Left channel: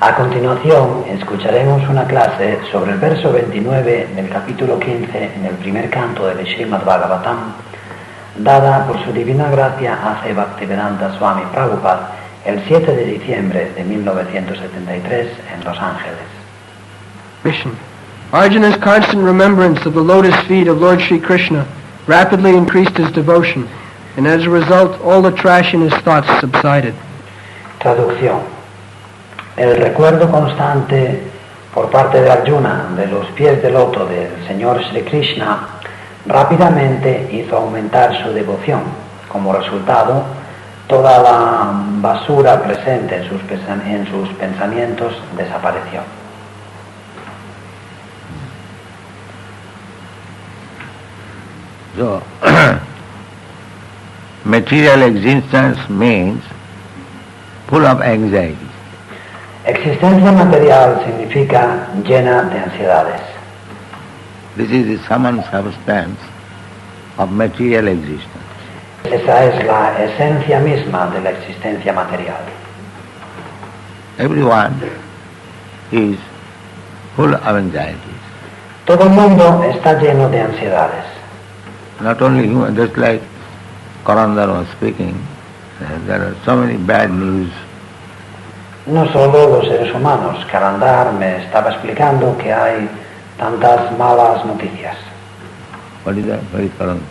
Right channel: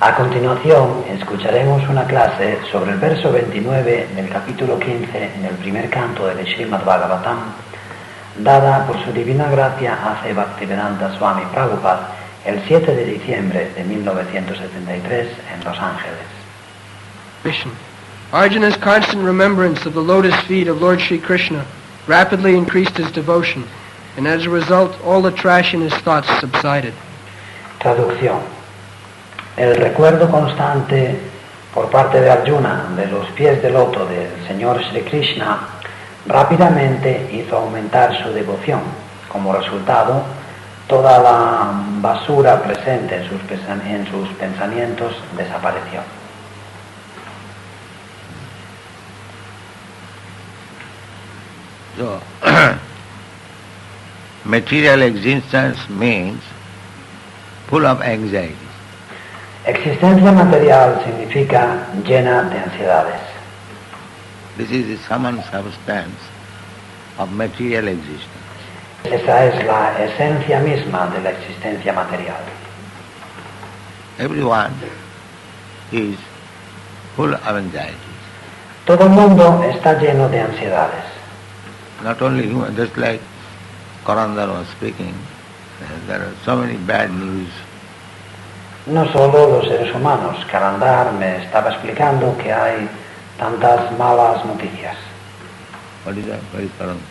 A continuación, escucharemos una clase sobre el verso 29 del capítulo 15 en el primer canto del Srimad Bhagavatam, dada por su divina gracia a Bhaktivedanta Swami Prabhupada el 7 de diciembre de 1973 en Los Ángeles. Mission. Arjuna's constant remembrance of the lotus feet of Lord Sri Krishna rapidly increased his devotion, and as a result, all the trash in his thoughts subsided. Traducción. El recuerdo constante por parte de Arjuna de los pies de loto del Señor Sri Krishna rápidamente hizo aumentar su devoción. Como resultado, toda la basura presente en sus pensamientos desapareció. So, material existence means full of anxiety. Existencia material significa llena de ansiedades. This is the sum and substance of material existence. Esa es la esencia misma de la existencia material. Everyone is full of anxieties. Todo el mundo está lleno de ansiedades. Not only human, just like Karandar was speaking, there are so many bad news. No solo los seres humanos. Karandar me estaba explicando que hay tantas malas noticias. What is that? What is Karandar?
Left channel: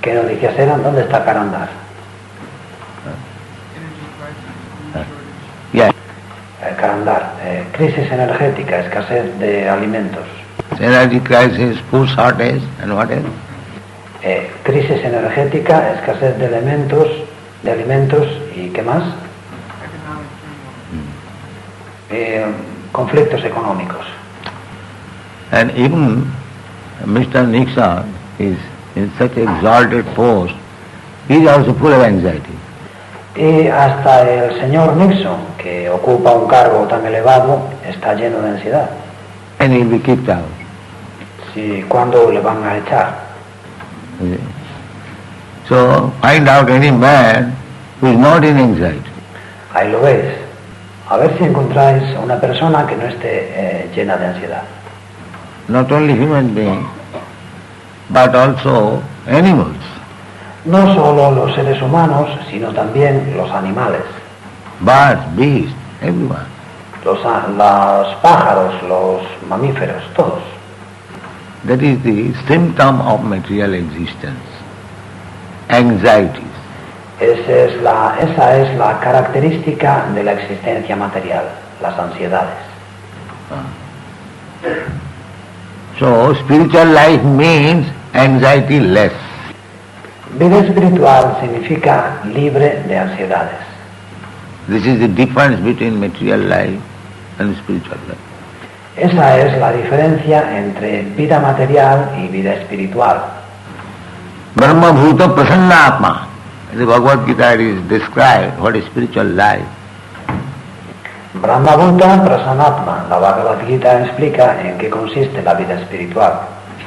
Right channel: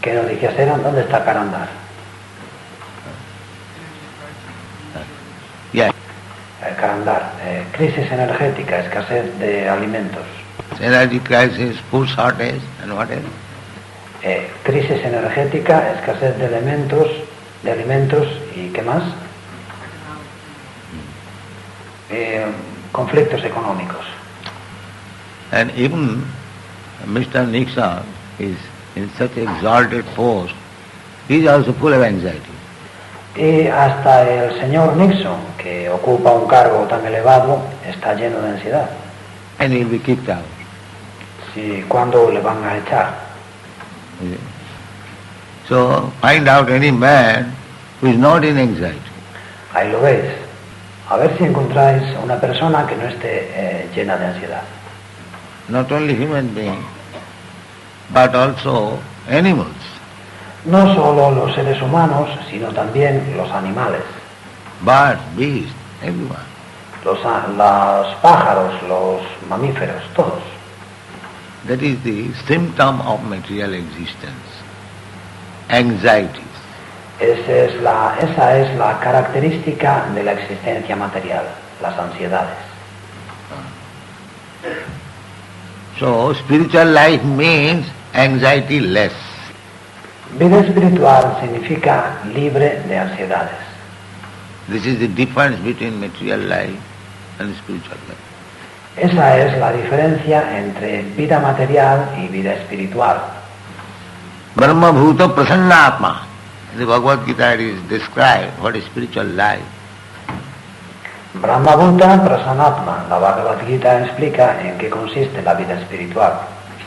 ¿Qué noticias eran? ¿Dónde está Karandar? Yeah. Karandar, crisis energética, escasez de alimentos. Energy crisis, food shortage, and what else? Crisis energética, escasez de alimentos y ¿qué más? Conflictos económicos. And even Mr. Nixon is in such exalted post, he is also full of anxiety. Y hasta el señor Nixon, que ocupa un cargo tan elevado, está lleno de ansiedad. And he will be kicked out. Sí, ¿cuándo le van a echar? So find out any man who is not in anxiety. Ahí lo ves. A ver si encontráis una persona que no esté llena de ansiedad. Not only human beings, but also animals. No solo los seres humanos, sino también los animales. Birds, beasts, everyone. Los pájaros, los mamíferos, todos. That is the symptom of material existence. Anxieties. Esa es la característica de la existencia material, las ansiedades. So spiritual life means anxiety less. Vida espiritual significa libre de ansiedades. This is the difference between material life and spiritual life. Esa es la diferencia entre vida material y vida espiritual. Brahma Bhuta Prasannatma. In the Bhagavad Gita it is described what is spiritual life. Brahma Bhuta Prasanatma. La Bhagavad Gita explica en qué consiste la vida espiritual.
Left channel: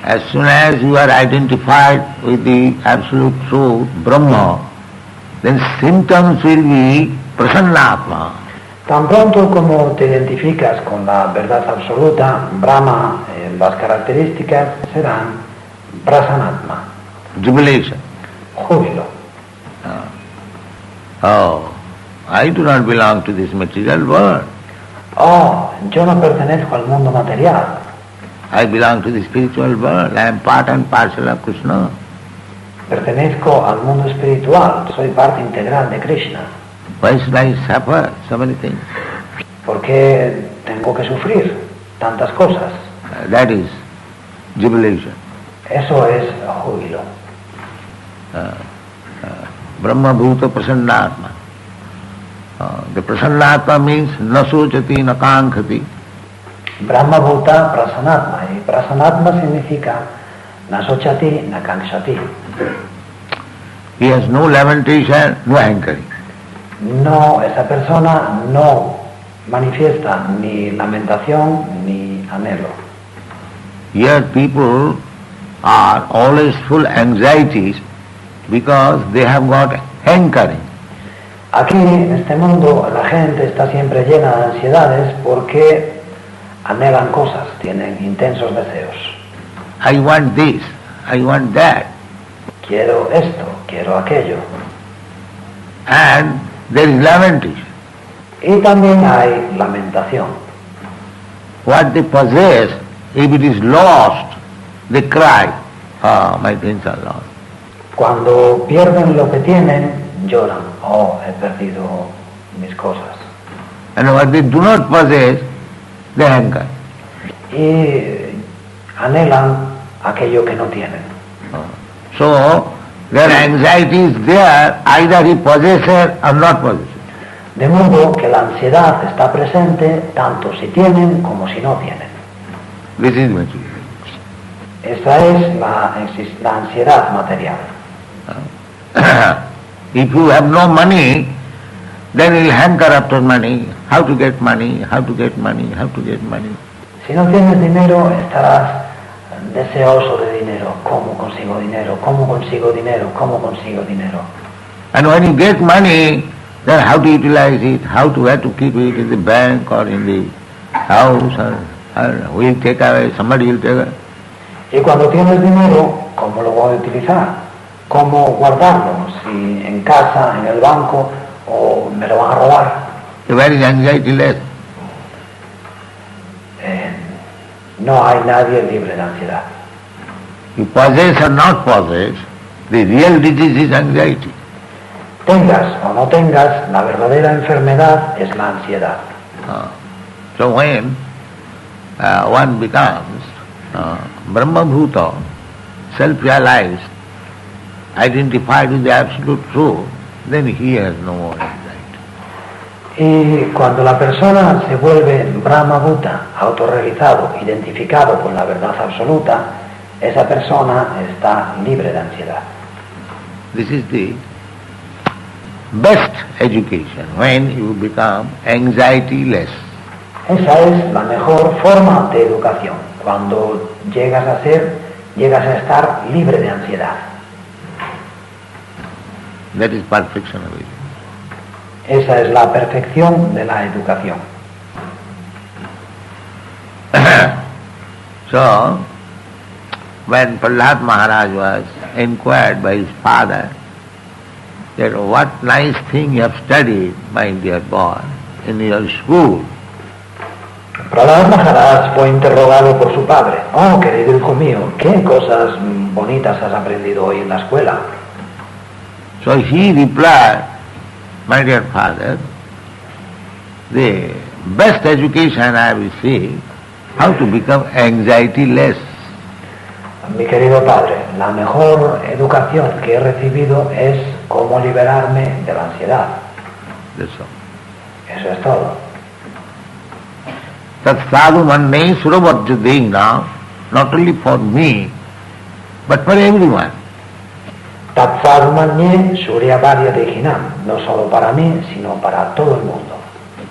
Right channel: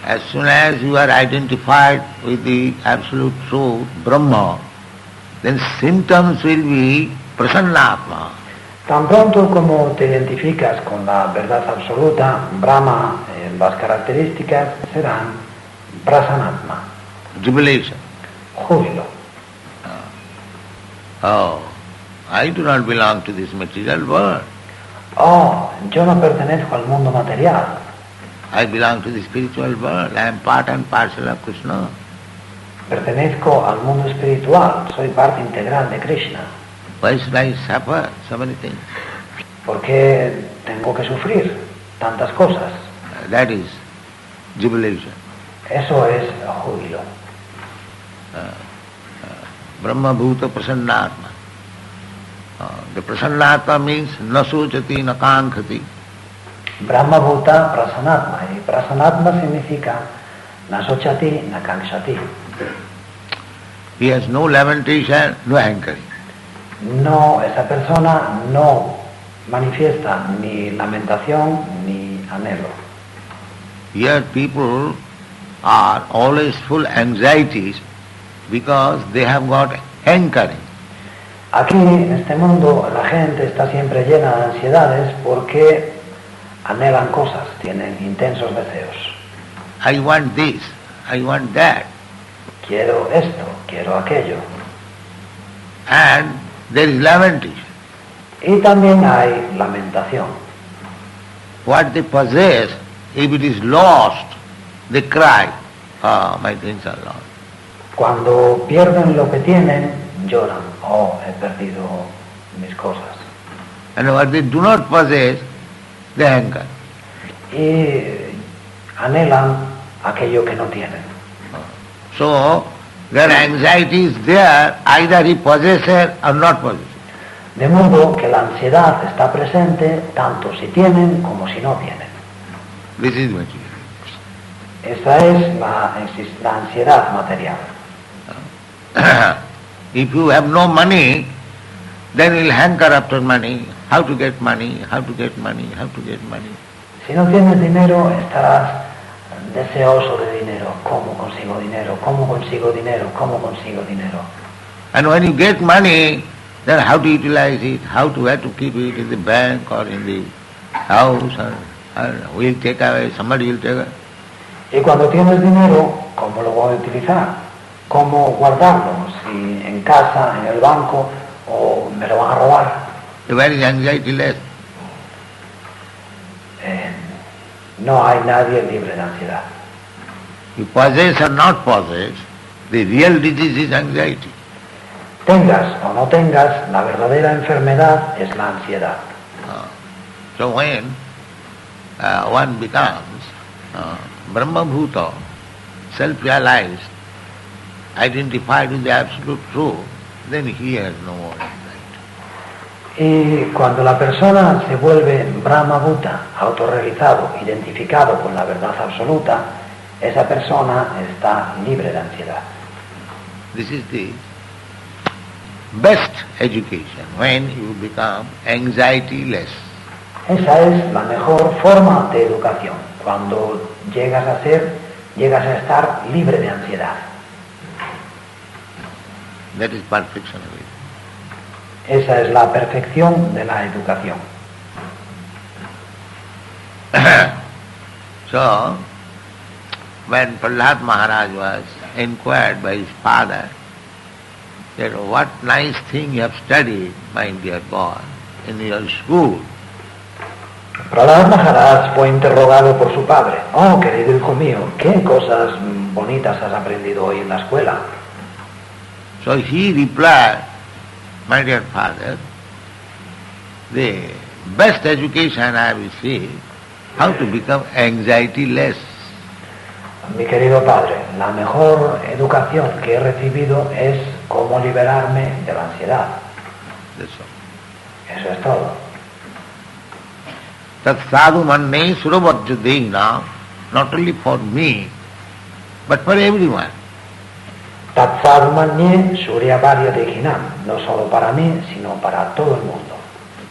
As soon as you are identified with the absolute truth, Brahma, then symptoms will be Prasannatma. Tan pronto como te identificas con la verdad absoluta, Brahma, las características serán Prasanatma. Jubilation. Júbilo. Oh, I do not belong to this material world. Oh, yo no pertenezco al mundo material. I belong to the spiritual world. I am part and parcel of Krishna. Pertenezco al mundo espiritual. Soy parte integral de Krishna. Why should I suffer so many things? ¿Por qué tengo que sufrir tantas cosas? That is jubilation. Eso es júbilo. Brahma Bhuta Prasannatma. The Prasannatma means Nasojati Nakankhati. Brahma Bhuta Prasanatma. Y Prasanatma significa Nasochati Nakankshati. He has no lamentation, no hankering. No, esa persona no manifiesta ni lamentación ni anhelo. Here people are always full anxieties because they have got hankering. Aquí, en este mundo, la gente está siempre llena de ansiedades porque anhelan cosas, tienen intensos deseos. I want this, I want that. Quiero esto, quiero aquello. And there is lamentation. Y también hay lamentación. What they possess, if it is lost, they cry, oh, my things are lost. Cuando pierden lo que tienen, lloran. Oh, he perdido mis cosas. And what they do not possess, they anger. Y anhelan aquello que no tienen. So, their anxiety is there, either he possesses or not possesses. De modo que la ansiedad está presente tanto si tienen como si no tienen. This is material. Esa es la ansiedad material. If you have no money, then you'll hanker after money. How to get money, how to get money, how to get money. Si no tienes dinero, estarás deseoso de dinero. ¿Cómo consigo dinero? ¿Cómo consigo dinero? ¿Cómo consigo dinero? And when you get money, then how to utilize it, where to keep it in the bank or in the house, or we'll take away, somebody will take away. Y cuando tienes dinero, ¿cómo lo voy a utilizar? ¿Cómo guardarlo? Si en casa, en el banco, o me lo van a robar. Where is anxiety less? No hay nadie libre de ansiedad. You possess or not possess, the real disease is anxiety. Tengas o no tengas, la verdadera enfermedad es la ansiedad. So when one becomes Brahma-bhuta, self-realized, identified with the Absolute Truth, then he has no more anxiety. Y cuando la persona se vuelve Brahma-bhuta, autorrealizado, identificado con la verdad absoluta, esa persona está libre de ansiedad. This is the best education, when you become anxiety-less. Esa es la mejor forma de educación, cuando llegas a estar libre de ansiedad. That is perfection of it. Esa es la perfección de la educación. So, when Prahlad Maharaj was inquired by his father that what nice thing you have studied, my dear boy, in your school. Prahlad Maharaj fue interrogado por su padre. Oh, querido hijo mío, ¿qué cosas bonitas has aprendido hoy en la escuela? So he replied, my dear father, the best education I have received, how to become anxiety-less. Mi querido padre, la mejor educación que he recibido es cómo liberarme de la ansiedad. That's all. Eso es todo. Tat sadhu manne suravajjadena, not only for me, but for everyone. Tat sadhu manne surya varya dehinam, no solo para mí, sino para todo el mundo.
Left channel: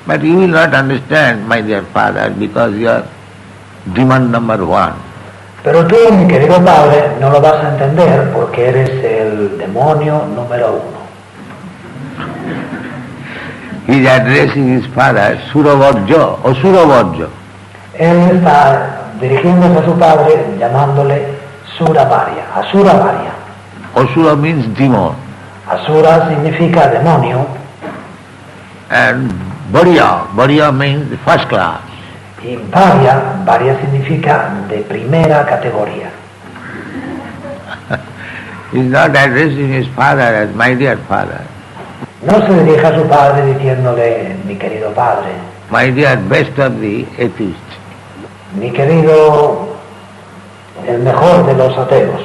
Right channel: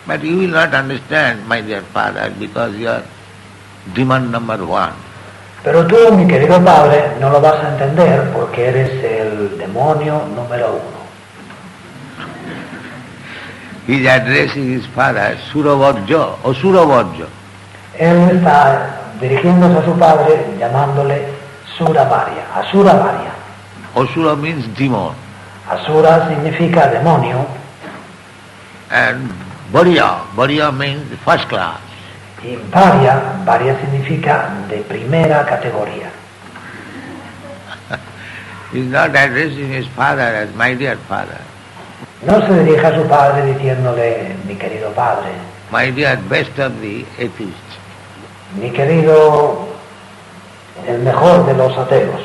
But you will not understand, my dear father, because you are demon number one. Pero tú, mi querido padre, no lo vas a entender porque eres el demonio número uno. He is addressing his father, Suravajja, or Suravajja. Él está dirigiéndose a su padre llamándole Suravarya, Asuravarya. Asura means demon. Asura significa demonio And Varya means the first class. y Varya significa de primera categoría. He is not addressing his father as my dear father. No se dirige a su padre diciéndole mi querido padre, My dear best of the atheists. mi querido, el mejor de los ateos.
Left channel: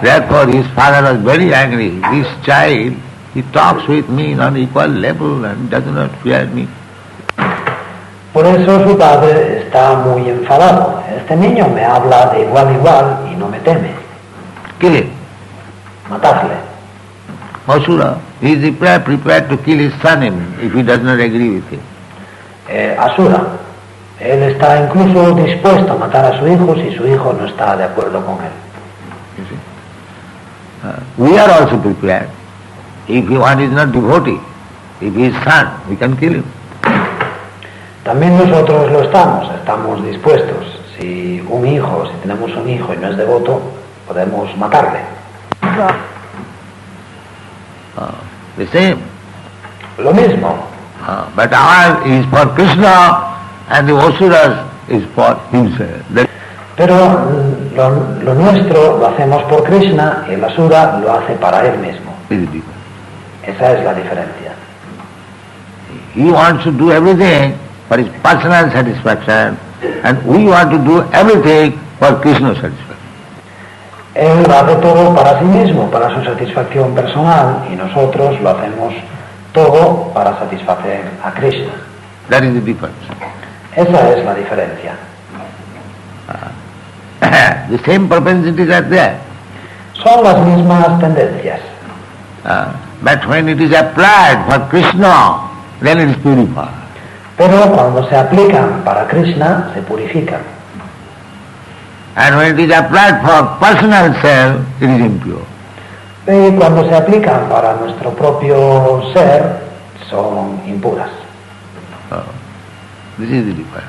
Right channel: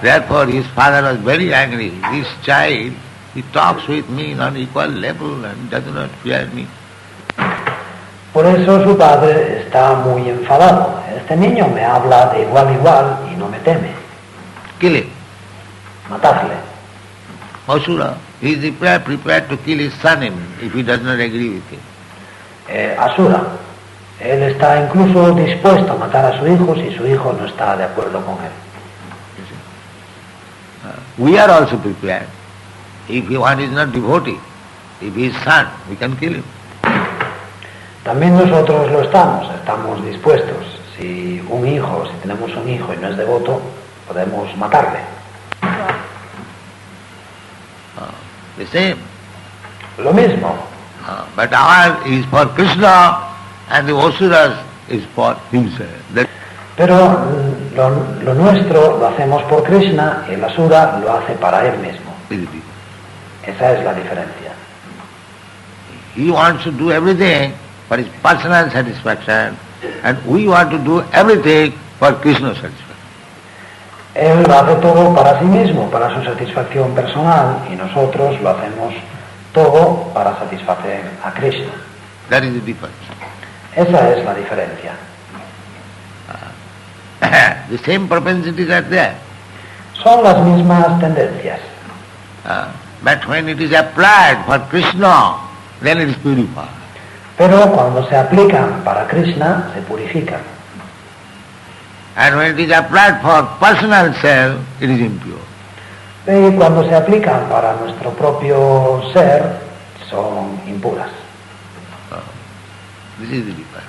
Therefore his father was very angry. This child, he talks with me on equal level and does not fear me. Por eso su padre está muy enfadado. Este niño me habla de igual a igual y no me teme. Kill him. Matarle. Asura, he is prepared to kill his son if he does not agree with him. Asura. Él está incluso dispuesto a matar a su hijo si su hijo no está de acuerdo con él. We are also prepared. If one is not devotee, if he is son, we can kill him. También nosotros lo estamos dispuestos. Si tenemos un hijo y no es devoto, podemos matarle. The same. Lo mismo. But ours is for Krishna and the Asuras is for himself. Pero lo nuestro lo hacemos por Krishna y el Asura lo hace para él mismo. Esa es la diferencia. He wants to do everything for his personal satisfaction and we want to do everything for Krishna's satisfaction. Él hace todo para sí mismo, para su satisfacción personal, y nosotros lo hacemos todo para satisfacer a Krishna. That is the difference. Esa es la diferencia. The same propensities are there. Son las mismas tendencias. But when it is applied for Krishna, then it is purified. Pero cuando se aplican para Krishna, se purifican. And when it is applied for personal self, it is impure. Y cuando se aplican para nuestro propio ser, son impuras. This is the difference.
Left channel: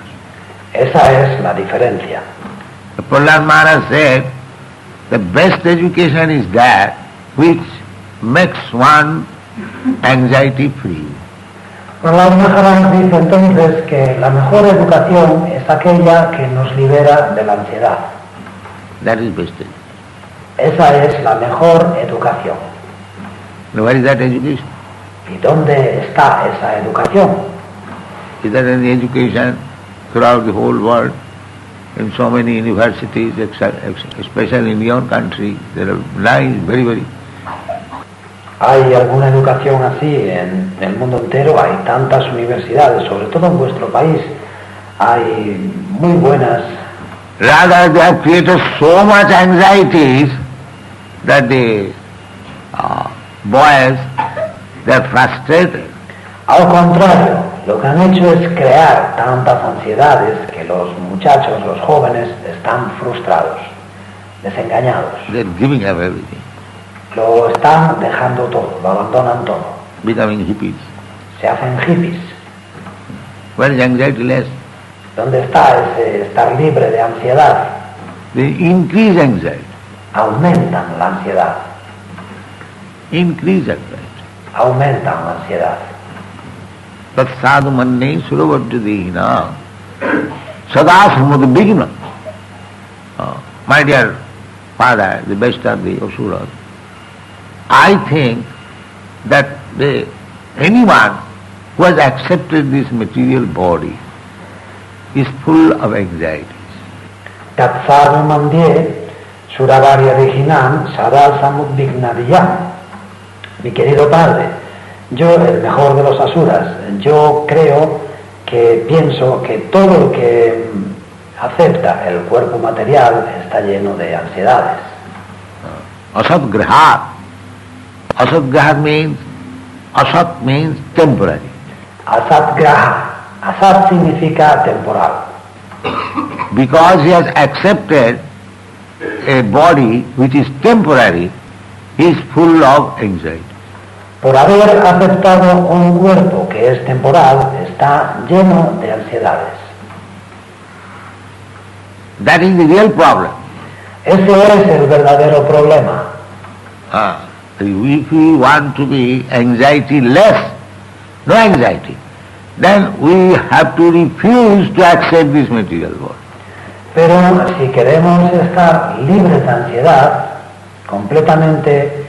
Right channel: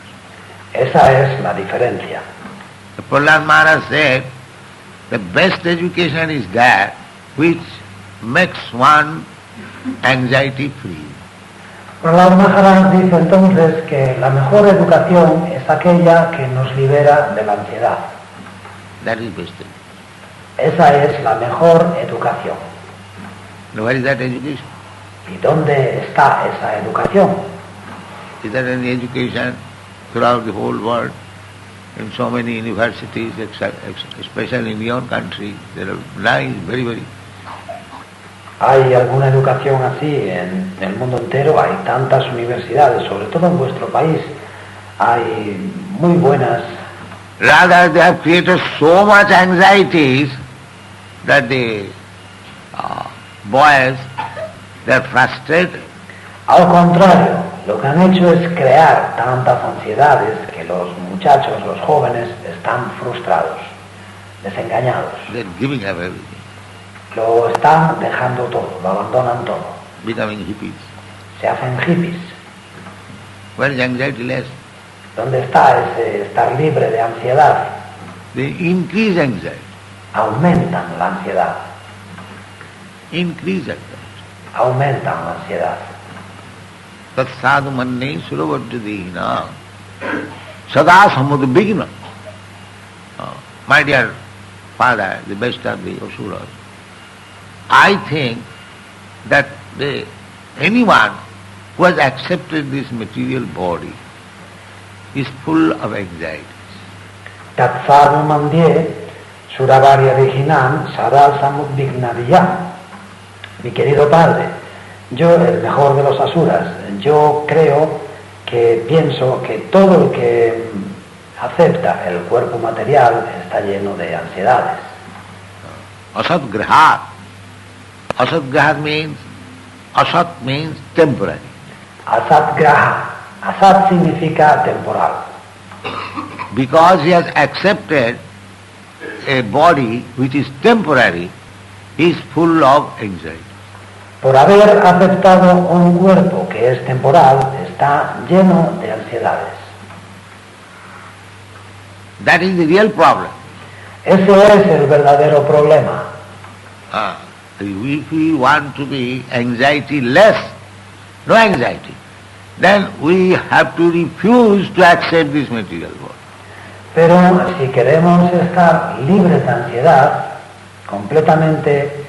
Esa es la diferencia. Prahlad Maharaj said, the best education is that which makes one anxiety free. Prahlad Maharaj dice entonces que la mejor educación es aquella que nos libera de la ansiedad. That is best education. Esa es la mejor educación. Now, where is that education? ¿Y dónde está esa educación? Is there any education throughout the whole world? In so many universities, especially in your country, there are nice, very, very. ¿Hay alguna educación así en el mundo entero? Hay tantas universidades, sobre todo en vuestro país. Hay muy buenas. Rather, they have created so much anxieties that the boys, they are frustrated. Al contrario, lo que han hecho es crear tantas ansiedades que los muchachos, los jóvenes, están frustrados, desengañados. They are giving up everything. Lo están dejando todo, lo abandonan todo. Becoming hippies. Se hacen hippies. Where is anxiety less? ¿Dónde está ese estar libre de ansiedad? They increase anxiety. Aumentan la ansiedad. Increase anxiety. Aumentan la ansiedad. Tat sadhu manne suravadhyadehina sada samudbhigna. My dear father, the best of the asuras, I think that anyone who has accepted this material body is full of anxieties. Tat sadhu mandye suravarya original sada samudbhignaviyam. Mi querido padre, yo, el mejor de los asuras, yo pienso que todo el que acepta el cuerpo material está lleno de ansiedades. Asat graha. Asat graha means temporary. Asat graha. Asat significa temporal. Because he has accepted a body which is temporary, he is full of anxiety. Por haber aceptado un cuerpo que es temporal, está lleno de ansiedades. That is the real problem. Ese es el verdadero problema. If we want to be anxiety less, no anxiety, then we have to refuse to accept this material world. Pero si queremos estar libres de ansiedad, completamente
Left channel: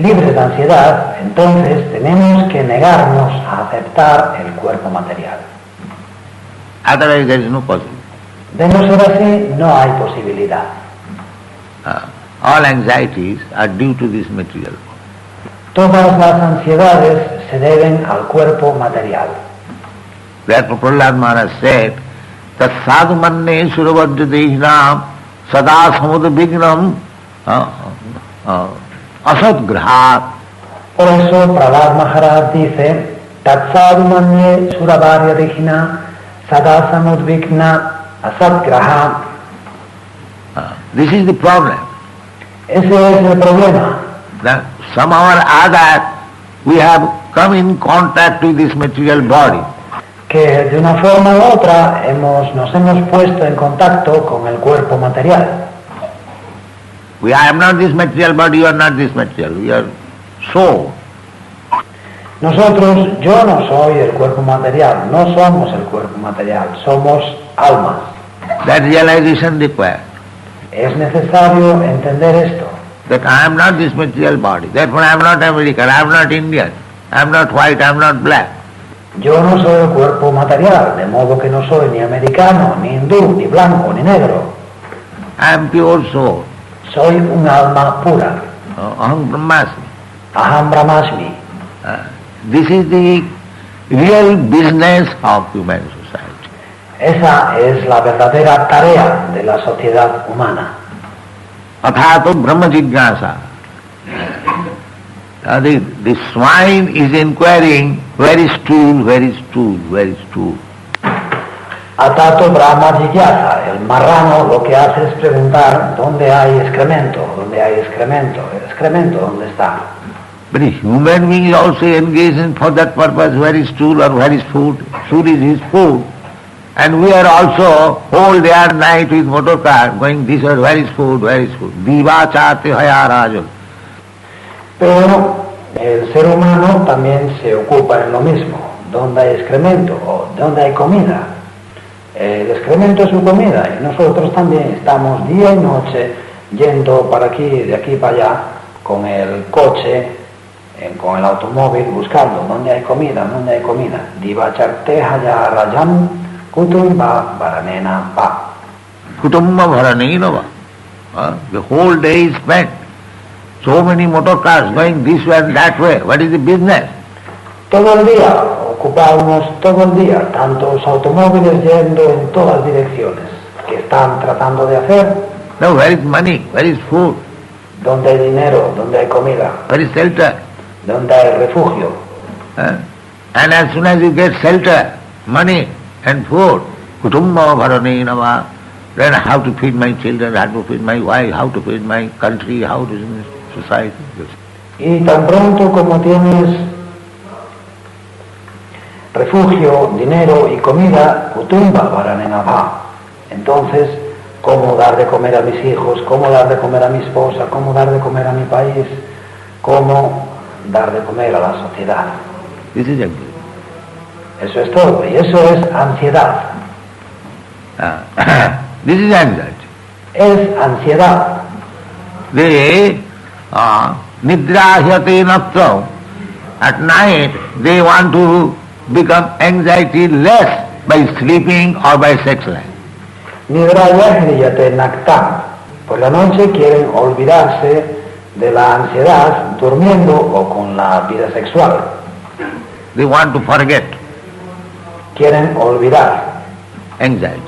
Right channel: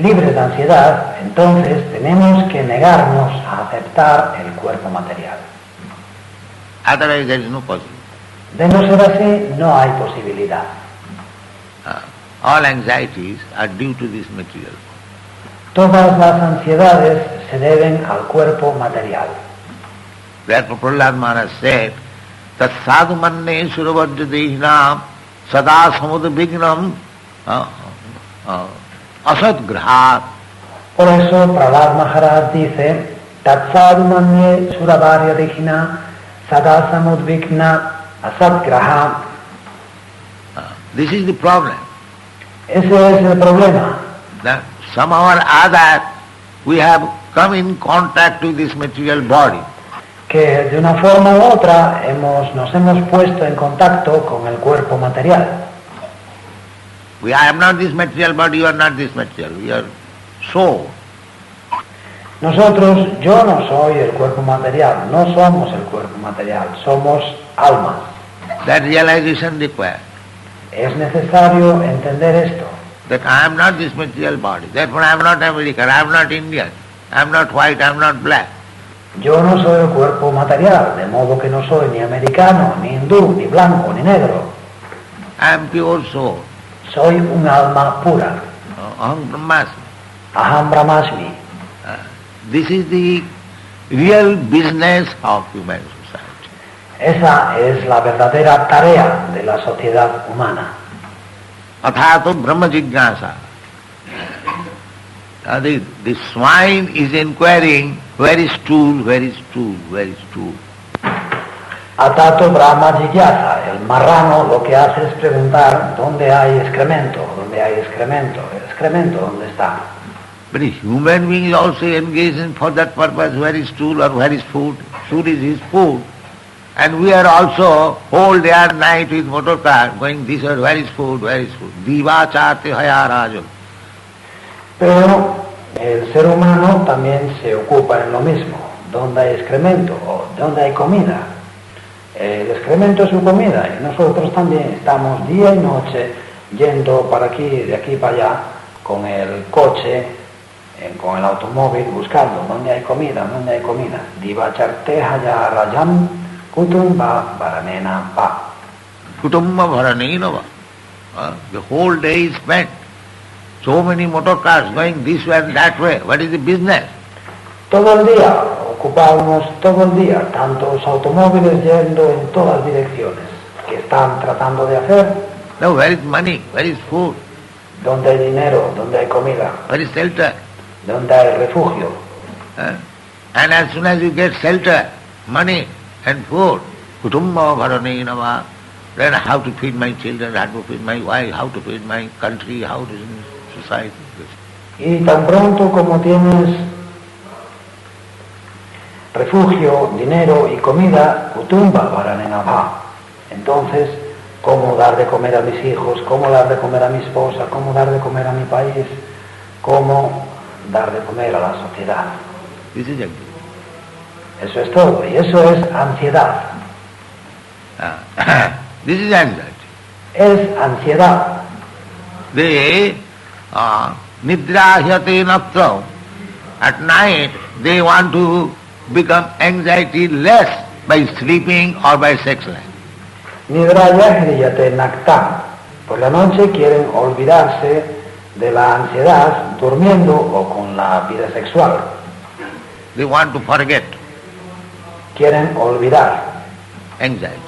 libres de ansiedad, entonces tenemos que negarnos a aceptar el cuerpo material. Otherwise there is no possibility. De no ser así, no hay posibilidad. All anxieties are due to this material. Todas las ansiedades se deben al cuerpo material. Therefore Prahlad Maharaj said, Tat sadhu manne suravadhyadehina sada samudbhignam asat graha. Por eso Prahlad Maharaj dice, Tat sadhu manye suravarya dehina sada samudbhigna asat graha. This is the problem. Ese es el problema. That somehow or other we have come in contact with this material body. Que de una forma u otra nos hemos puesto en contacto con el cuerpo material. I am not this material body, you are not this material, we are soul. Nosotros, yo no soy el cuerpo material, no somos el cuerpo material, somos alma. That realization required. Es necesario entender esto. That I am not this material body, therefore I am not American, I am not Indian, I am not white, I am not black. Yo no soy el cuerpo material, de modo que no soy ni americano, ni hindú, ni blanco, ni negro. I am pure soul. Soy un alma pura. Aham Brahmasmi. Aham Brahmasmi. This is the real business of human society. Esa es la verdadera tarea de la sociedad humana. Athato Brahma Jignasa. The swine is inquiring where is stool, where is stool, where is stool. Atato Brahma Jigyasa, el marrano lo que hace es preguntar dónde hay excremento, dónde hay excremento, el excremento dónde está. But a human being is also engaged in for that purpose, where is stool or where is food. Food is his food. And we are also whole day and night with motor car going this way, where is food, where is food. Diva chate haya rajam. Pero el ser humano también se ocupa en lo mismo, dónde hay excremento o dónde hay comida. El excremento es su comida y nosotros también estamos día y noche yendo para aquí, de aquí para allá, con el coche, con el automóvil, buscando dónde hay comida, dónde hay comida. Diva charte haya rajam kutumba varanena pa. Kutumba varanena pa. The whole day is spent. So many motor cars going this way and that way. What is the business? Todo el día, ocupamos todo el día, tantos automóviles yendo en todas direcciones. ¿Qué están tratando de hacer? No, where is money? Where is food? ¿Dónde hay dinero? ¿Dónde hay comida? Where is shelter? ¿Dónde hay refugio? And as soon as you get shelter, money and food, kutumba bharanena va, then how to feed my children, how to feed my wife, how to feed my country, how to feed my society. Y tan pronto como tienes refugio, dinero y comida, kutumba varanena va. Entonces, ¿cómo dar de comer a mis hijos? ¿Cómo dar de comer a mi esposa? ¿Cómo dar de comer a mi país? ¿Cómo dar de comer a la sociedad? This is it. Eso es todo, y eso es ansiedad. This is anxiety. Es ansiedad. They nidrahyate natram. At night they want to become anxiety less by sleeping or by sex life. Nidrahyate naktam. Por la noche quieren olvidarse de la ansiedad durmiendo o con la vida sexual. They want to forget. Quieren olvidar anxiety.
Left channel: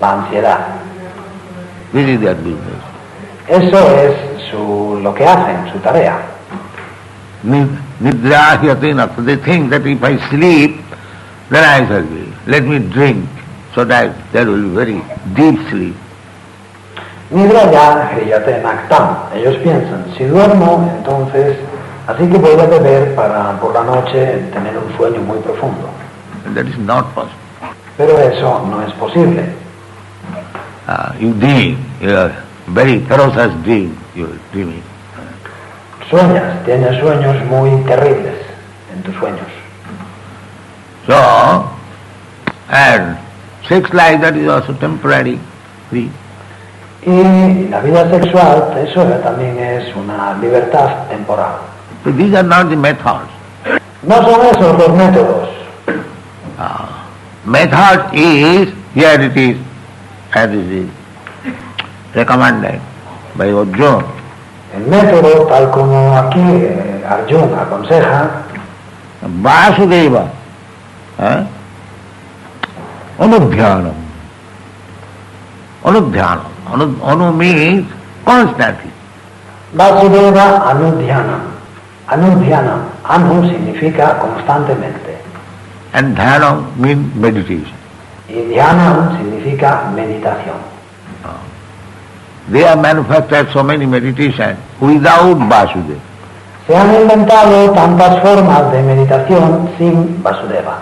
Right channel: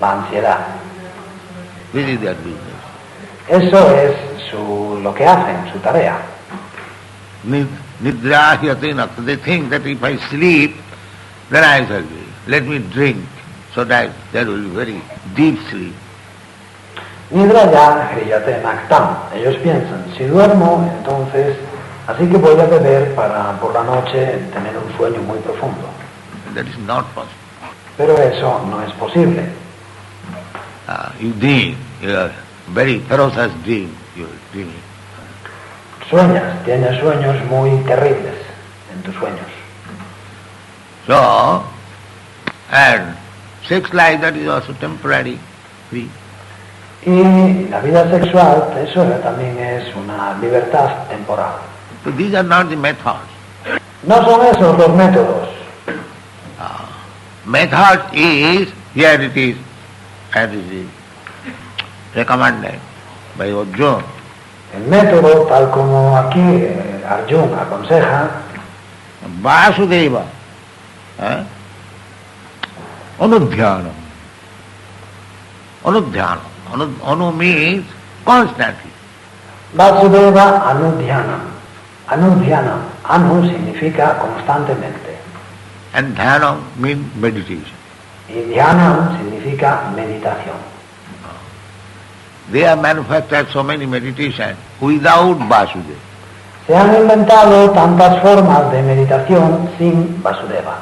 La ansiedad. This is their business. Eso es lo que hacen, su tarea. Nidrahyate natram. They think that if I sleep, then I shall be. Let me drink, so that there will be very deep sleep. Nidraya hriyate naktam. Ellos piensan, si duermo, entonces, así que voy a beber para por la noche tener un sueño muy profundo. And that is not possible. Pero eso no es posible. You dream, you are very ferocious dream, you are dreaming. Sueñas, tienes sueños muy terribles en tus sueños. So, and sex life, that is also temporary, free. Y la vida sexual, eso también es una libertad temporal. So these are not the methods. No son esos los métodos. Method is, here it is, as it is recommended by Arjuna. El método, tal como aquí Arjuna aconseja, Vasudeva, anudhyanam. Anudhyanam. Anu means constantly. Vasudeva anudhyanam. Anudhyanam. Anu significa constantemente. And dhanam means meditation. Y dhyanam significa meditación. They have manufactured so many meditations without Vasudeva. Se han inventado tantas formas de meditación sin Vasudeva.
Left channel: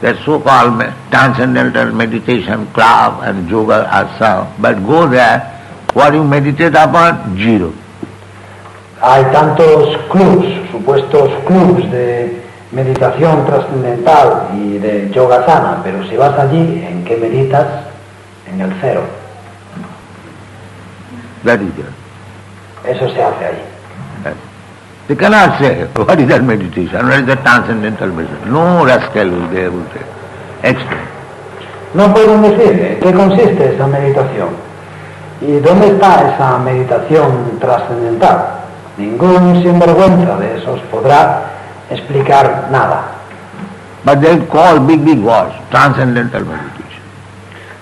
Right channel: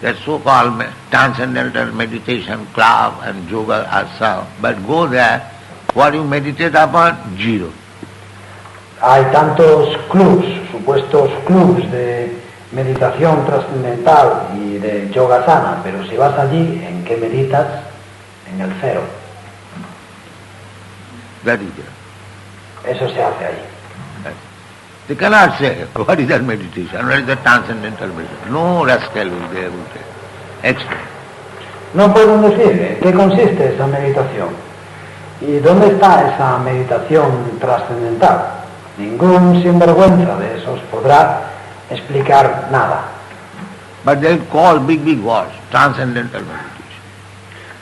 That so-called transcendental meditation club and yoga asana, but go there, what you meditate upon? Zero. Hay tantos clubs, supuestos clubs de meditación trascendental y de yogasana, pero si vas allí, ¿en qué meditas? En el cero. That is there. Eso se hace ahí. Yes. They cannot say, what is that meditation? What is that transcendental meditation? No rascal will be able to explain. No pueden decir en qué consiste esa meditación. ¿Y dónde está esa meditación trascendental? Ningún sinvergüenza de esos podrá explicar nada. But they call big words, transcendental meditation.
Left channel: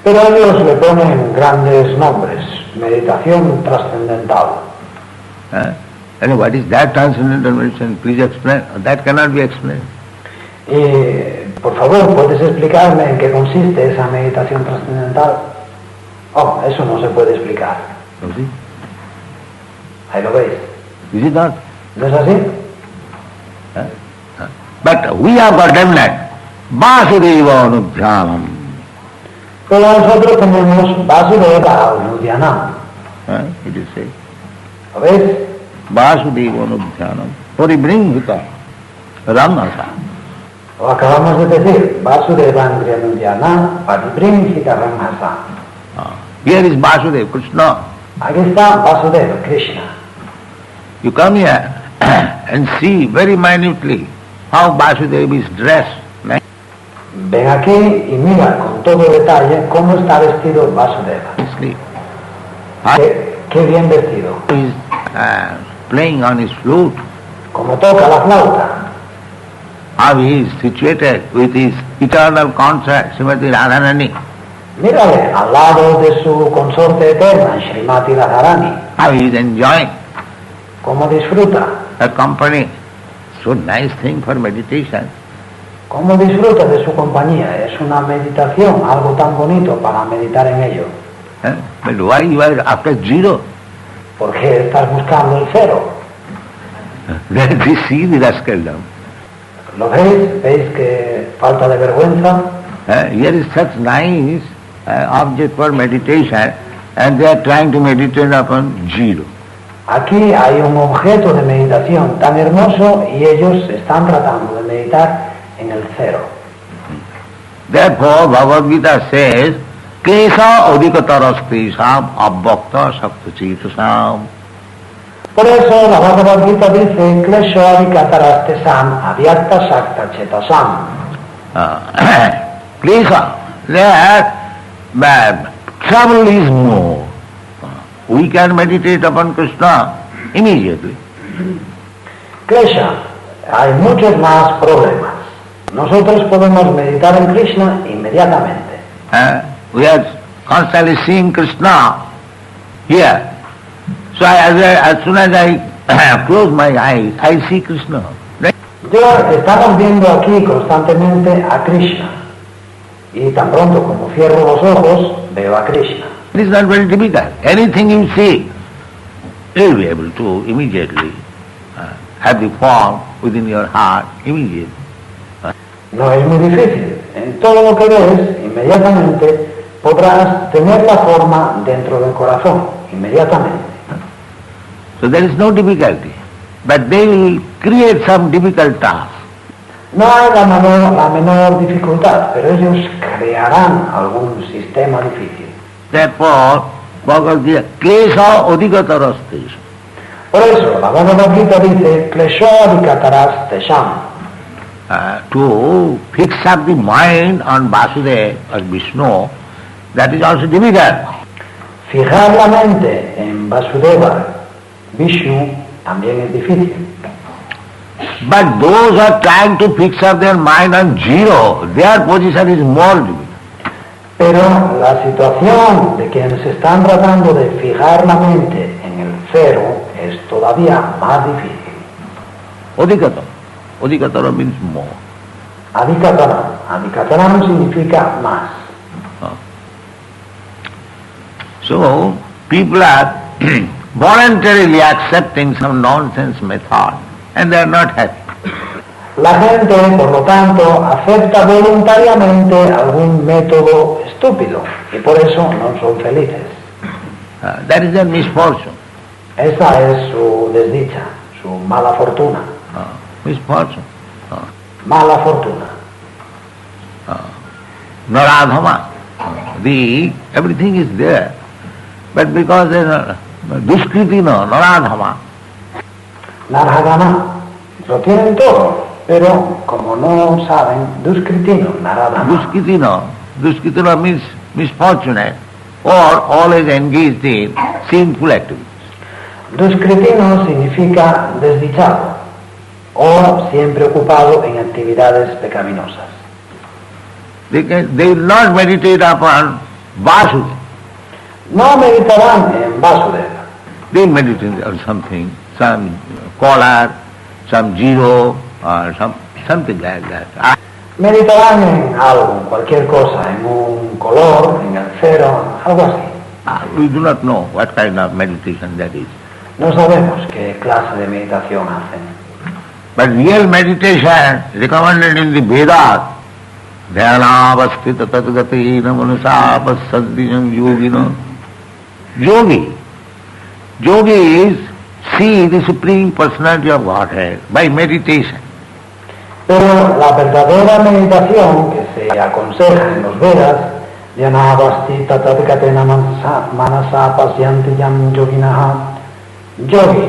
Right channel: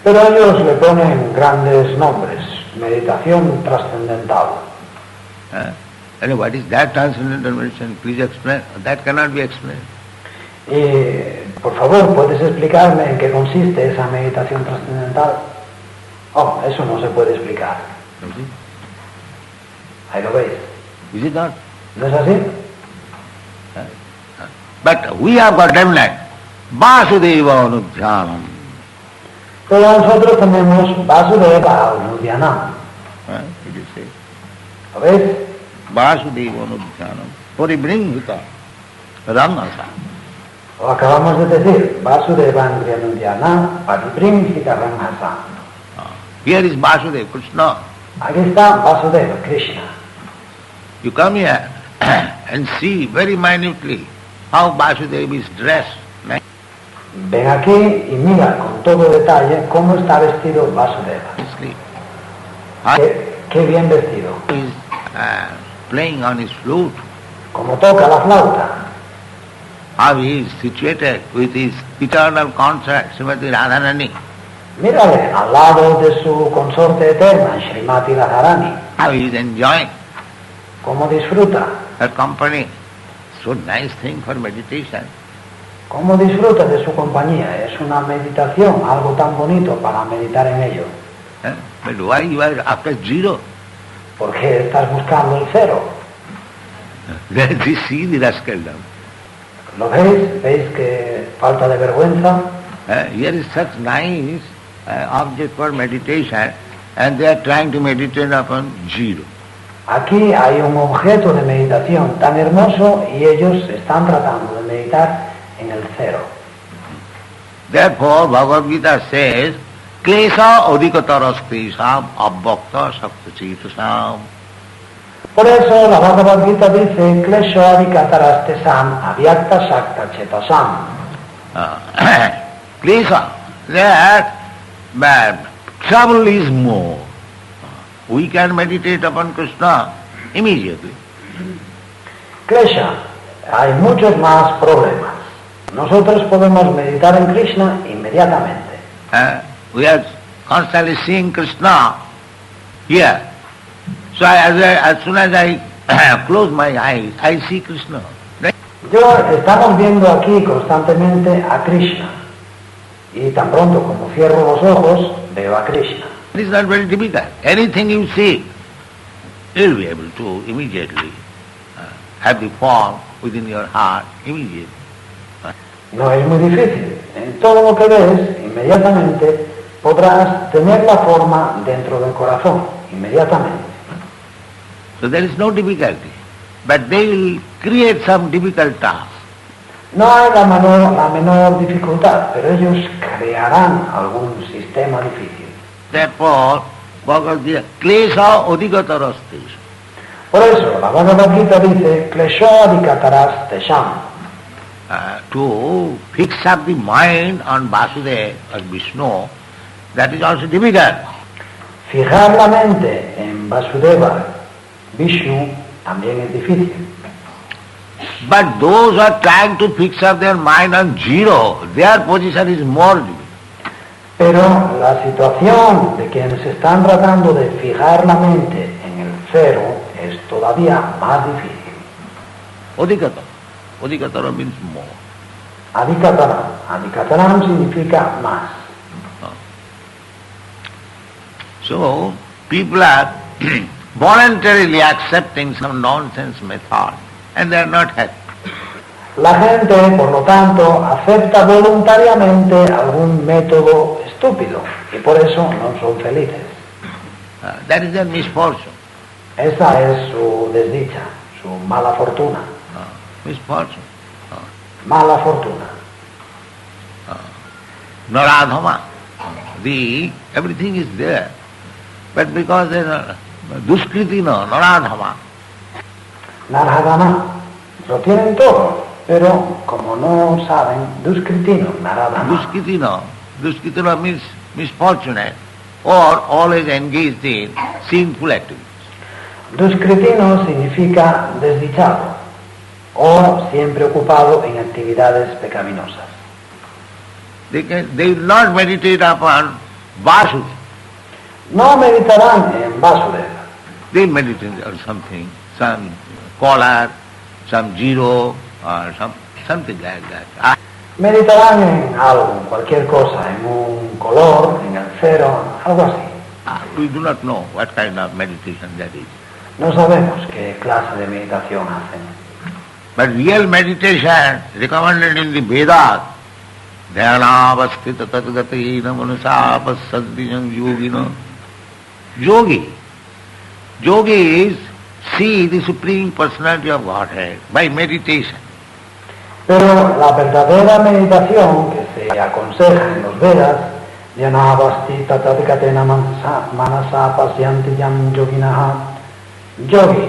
Pero ellos le ponen grandes nombres, meditación trascendental. And what is that transcendental meditation? Please explain. That cannot be explained. Y, por favor, ¿puedes explicarme en qué consiste esa meditación trascendental? Oh, eso no se puede explicar. You see? Ahí lo veis. Is it not? ¿No es así? But we have got definite Vasudeva Anudhyanam. Pero nosotros tenemos Vasudeva Anudhyanam. It is said. ¿Lo ves? Vasudeva Anudhyanam. Paribringhita Ramasa. Lo acabamos de decir. Vasudeva Anudhyanam Paribringhita Ramasa. Here is Vasudeva, Krishna. Aquí está Vasudeva, Krishna. You come here and see very minutely how Vasudeva is dressed. Ven aquí y mira con todo detalle cómo está vestido Vasudeva. Sleep. Qué bien vestido. He is playing on his flute. Como toca la flauta. How he is situated with his eternal consort, Srimati Radharani. Mírale al lado de su consorte eterna, Srimati Radharani. How he is enjoying Cómo disfruta. her company. So nice thing for meditation. Cómo disfruta de su compañía. Es una meditación, algo tan bonito para meditar en ello. But why you are after zero? ¿Por qué estás buscando el cero? Then we see the rascaldom. ¿Lo veis? ¿Veis que falta de vergüenza? Here is such nice object for meditation, and they are trying to meditate upon zero. Aquí hay un objeto de meditación tan hermoso y ellos están tratando de meditar en el cero. Therefore, Bhagavad Gita says, Klesa odikatarastesam abbhakta saptachetasam. Por eso la Bhagavad Gita dice, Klesho adikatarastesam avyakta sakta chetasam. Klesa, that trouble is more. We can meditate upon Krishna immediately. Klesha, hay muchos más problemas. Nosotros podemos meditar en Krishna inmediatamente. We are constantly seeing Krishna here. So as soon as I close my eyes, I see Krishna. Estamos viendo aquí constantemente a Krishna. Y tan pronto como cierro los ojos, veo a Krishna. It is not very difficult. Anything you see, you will be able to immediately have the form within your heart immediately. No es muy difícil. En todo lo que ves, inmediatamente podrás tener la forma dentro del corazón, inmediatamente. So there is no difficulty. But they will create some difficult task. No hay la menor dificultad, pero ellos crearán algún sistema difícil. Therefore, Bhagavad Gita, Klesha odikatarastesam. Por eso, la Bhagavad Gita dice, Klesho adikataras tesham. To fix up the mind on Vasudeva or Vishnu, that is also difficult. Fijar la mente en Vasudeva, Vishnu, también es difícil. But those who are trying to fix up their mind on zero, their position is more difficult. Pero la situación de quienes están tratando de fijar la mente en el cero es todavía más difícil. Odikatara. Odikatara means more. Adikataram. Adikataram significa más. So, people are voluntarily accepting some nonsense method and they are not happy. La gente, por lo tanto, acepta voluntariamente algún método estúpido y por eso no son felices. That is their misfortune. Esa es su desdicha, su mala fortuna. Misfortune. Mala fortuna. Naradhama. Everything is there. But because they are Duskritino, Naradhama. Narhagana. Lo tienen todo, pero como no saben, Duskritino, Naradhama. Duskritino means misfortunate or always engaged in sinful activities. Duskritino significa desdichado o siempre ocupado en actividades pecaminosas. They will not meditate upon Vasudeva. No meditarán en Vasudeva. They meditate on something, some collar, some zero, or something like that. Meditarán en algo, en cualquier cosa, en un color, en el cero, algo así. We do not know what kind of meditation that is. No sabemos qué clase de meditación hacen. But real meditation recommended in the Vedas, Dhyanavasthita tatgatina manasa pasadhyam yogino. Yogi is see the Supreme Personality of Godhead by meditation. Pero la verdadera meditación que se aconseja en los Vedas, Dhyanavasthita tatgatena manasa pasadhyam yoginaha, yogi.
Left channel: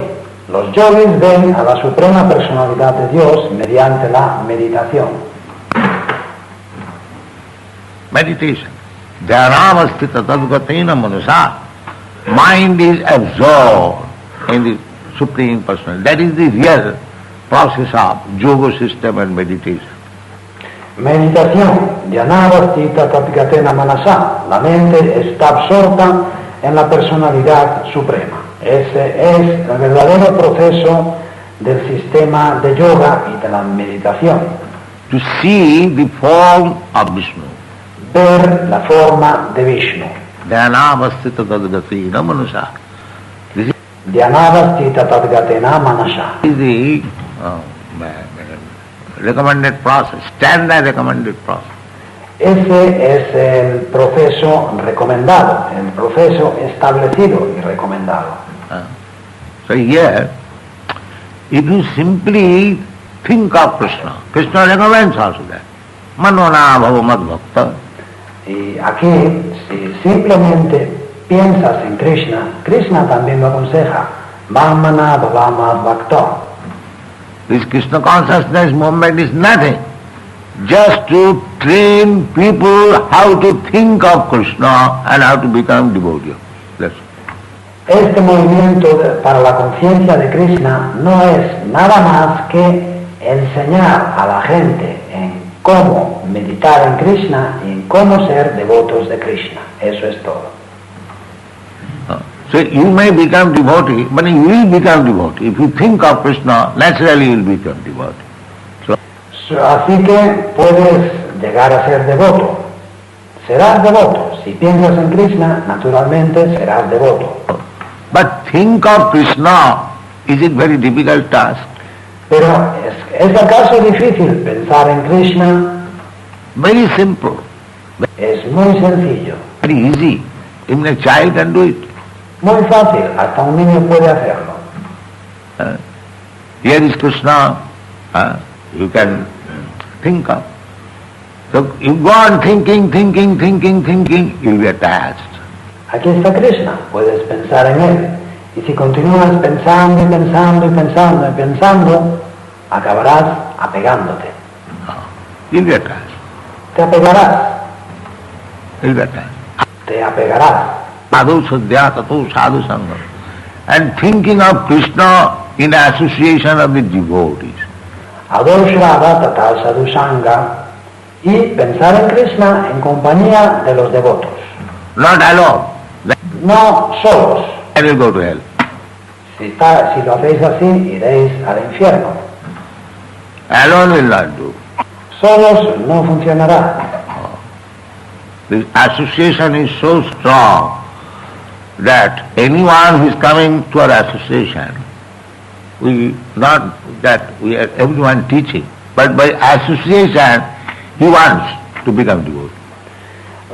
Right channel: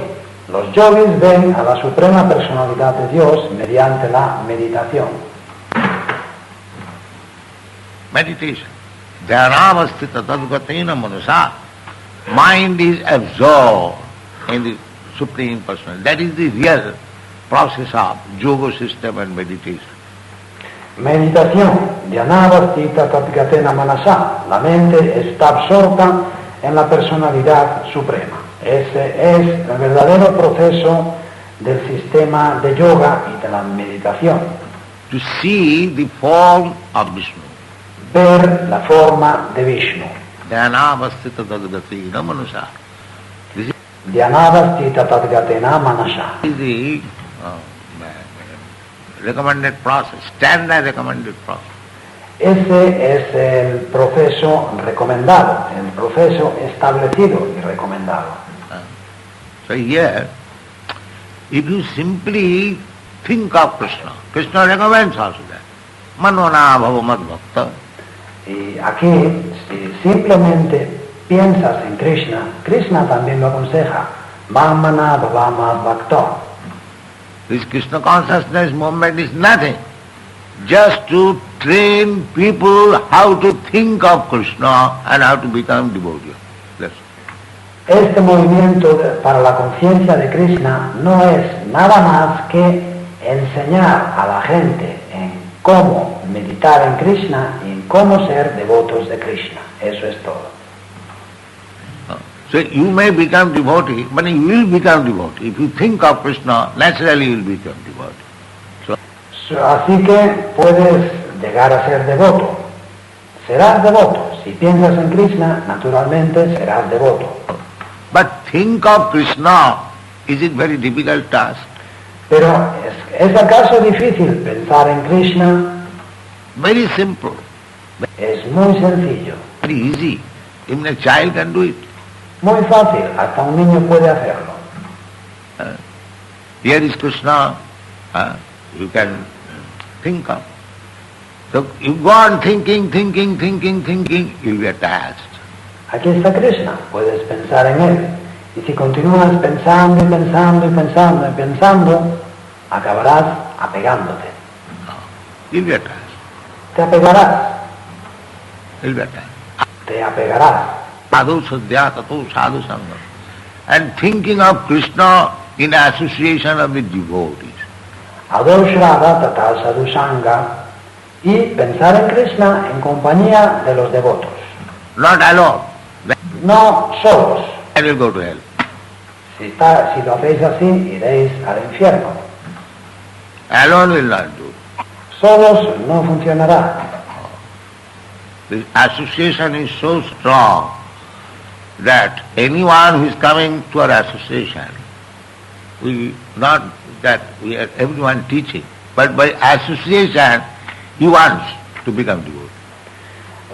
Los yogis ven a la Suprema Personalidad de Dios mediante la meditación. Meditation. Dhyanavasthita tadgatena manasa. Mind is absorbed in the Supreme Personality. That is the real process of yoga system and meditation. Meditación. Dhyanavasthita tatgatena manasa. La mente está absorta en la Personalidad Suprema. Ese es el verdadero proceso del sistema de yoga y de la meditación. To see the form of Vishnu. Ver la forma de Vishnu. Dhyanavasthita tadgatena manasa. This Dhyanavasthita tatgatena manasa. is the recommended process, standard recommended process. Ese es el proceso recomendado, el proceso establecido y recomendado. So here, if you simply think of Krishna, Krishna recommends also that. Manona bhava bhakta. Y aquí, si simplemente piensas en Krishna, Krishna también lo aconseja. Vamana bhavama bhakta. This Krishna consciousness movement is nothing. Just to train people how to think of Krishna and how to become devotee. That's Este movimiento para la conciencia de Krishna no es nada más que enseñar a la gente en cómo meditar en Krishna y en cómo ser devotos de Krishna. Eso es todo. So you may become devotee, but you will become devotee. If you think of Krishna, naturally you will become devotee. Así que puedes llegar a ser devoto. Serás devoto. Si piensas en Krishna, naturalmente serás devoto. But think of Krishna, is it very difficult task? Pero ¿es acaso difícil pensar en Krishna? Very simple, Es muy sencillo, very easy. Even a child can do it. muy fácil, hasta un niño puede hacerlo. Here is Krishna, you can think of. So you go on thinking, you'll be attached. Aquí está Krishna, puedes pensar en él. Y si continúas pensando y pensando y pensando y pensando, acabarás apegándote. You'll be attached. Te apegarás, You'll be attached. te apegarás. Sadhu sadhya tato sadhu sangha. And thinking of Krishna in association of the devotees. Adoshrada tata sadhusanga. Y pensar en Krishna en compañía de los devotos. Not alone. No solos. Then you'll go to hell. Si lo hacéis así, iréis al infierno. Alone will not do. Solos no funcionará. The association is so strong that anyone who is coming to our association, not that we are everyone teaching, but by association he wants to become devotee.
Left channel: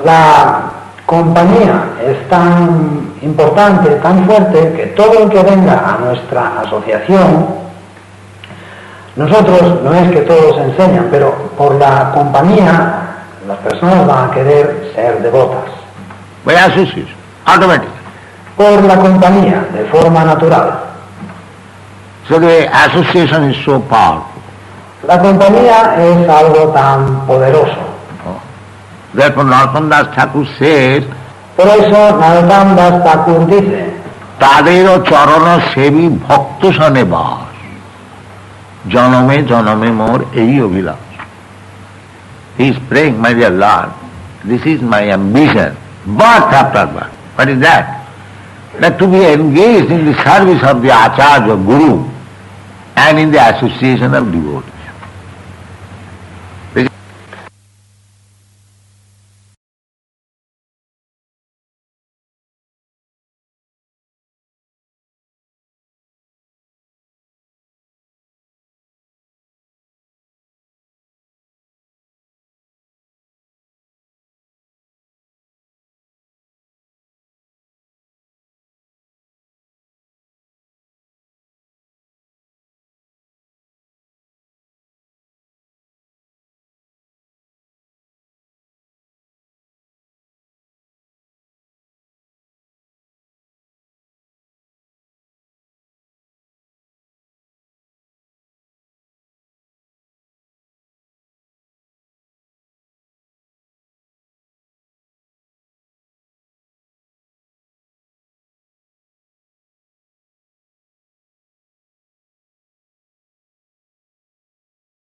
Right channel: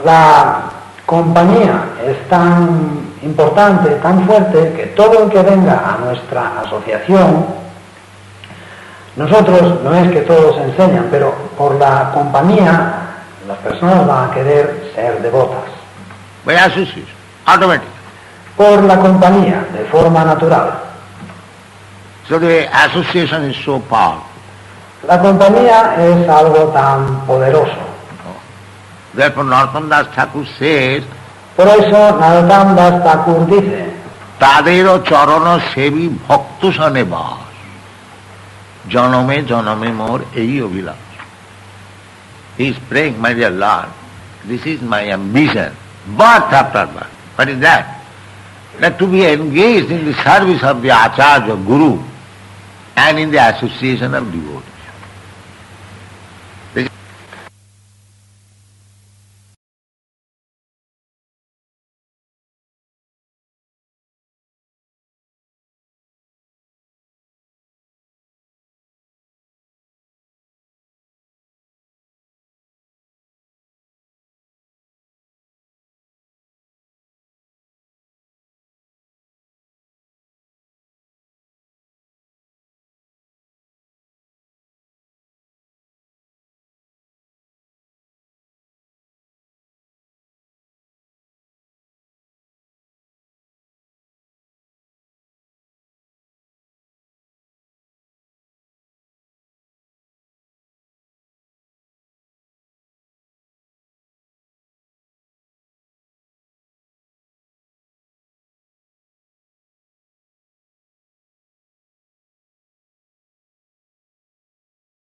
La compañía es tan importante, tan fuerte, que todo el que venga a nuestra asociación, nosotros no es que todos enseñan, pero por la compañía las personas van a querer ser devotas. By association, automatic. Por la compañía, de forma natural. So the association is so powerful. La compañía es algo tan poderoso. Therefore Narottam Das Thakur says, Por eso Narottam Das Thakur dice, Tadero charana sevi bhakta sane bas, janame mor ei abhilash. He is praying, my dear Lord, this is my ambition, birth after birth. What is that? That to be engaged in the service of the Acharya, Guru, and in the association of devotees.